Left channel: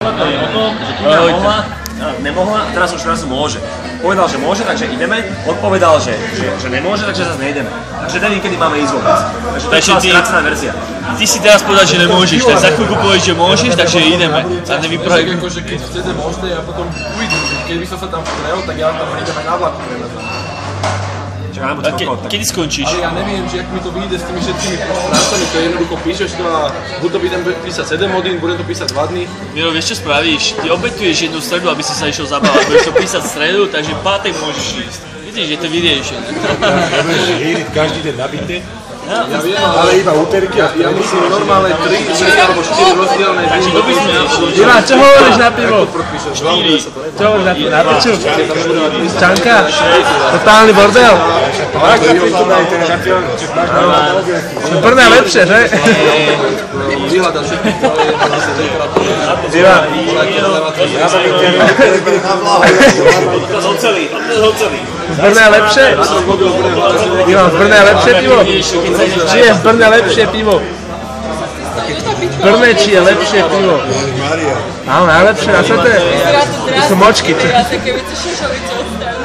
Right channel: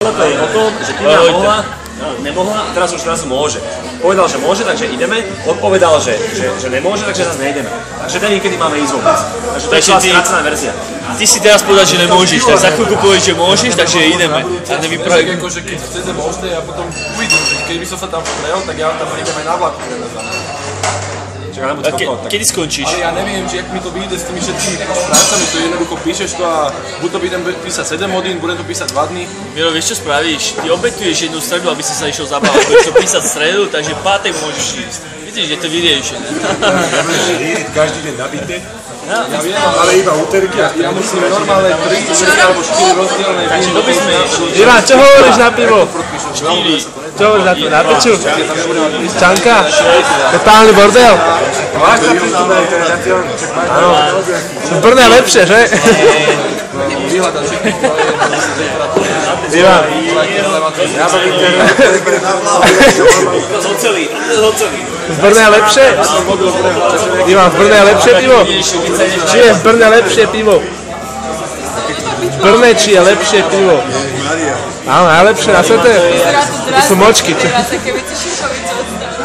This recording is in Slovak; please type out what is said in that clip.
to je o tom, že Týna mohla, nemohla a teraz už môže. Povedal, že môže, takže ideme. Odpovedal, že nemôže, takže zase nejdeme. Takže neviem, kedy máme ísť vôbec. Takže to je celá skrácená verzia. Ty si teraz povedal, že nemôžeš, tak za chvíľku povieš, že môžeš, takže ideme. A nevypravaj. Akože keď chcete, môžete, ja potom uvidím. Keby som sa tam vstrel, tak ja tam idem aj na vlaku. Kedy skončíš? Ale ja neviem, že jak mi to vyjde s tými všetkými prácami, to jednoducho píšeš to a buď to budem písať 7 hodín, budem to písať 2 dní. Miro, vieš čo spravíš? Ty obetuješ jednu stredu, aby si sa išiel zabávať. Budeš to písať stredu, takže v pátek môžeš ísť. Vidíš, je to videjšie, ne? Ja budem hýriť každý deň nabité. Ja viem, ale iba úterky a ja musím normálne 3 alebo 4 rozdielne dní. Takže to by sme išli. Ivan, čo hovoríš na pivo? Čo hovoríš na pivo? Na piču? Čanka? Totálny bordel? máš napríklad aj ten šampión, čo máš na Brno je lepšie, že? Vyhľadať všetky zdroje, zase temperatúry. ja som internet, Z Brna je lepšie? Ivan, z Brna je lepšie pivo? Či je v Brne lepšie pivo? V Brne či je lepšie pivo? Áno, najlepšie na svete? To sú močky. Teraz, keby si Šušovice odstavil.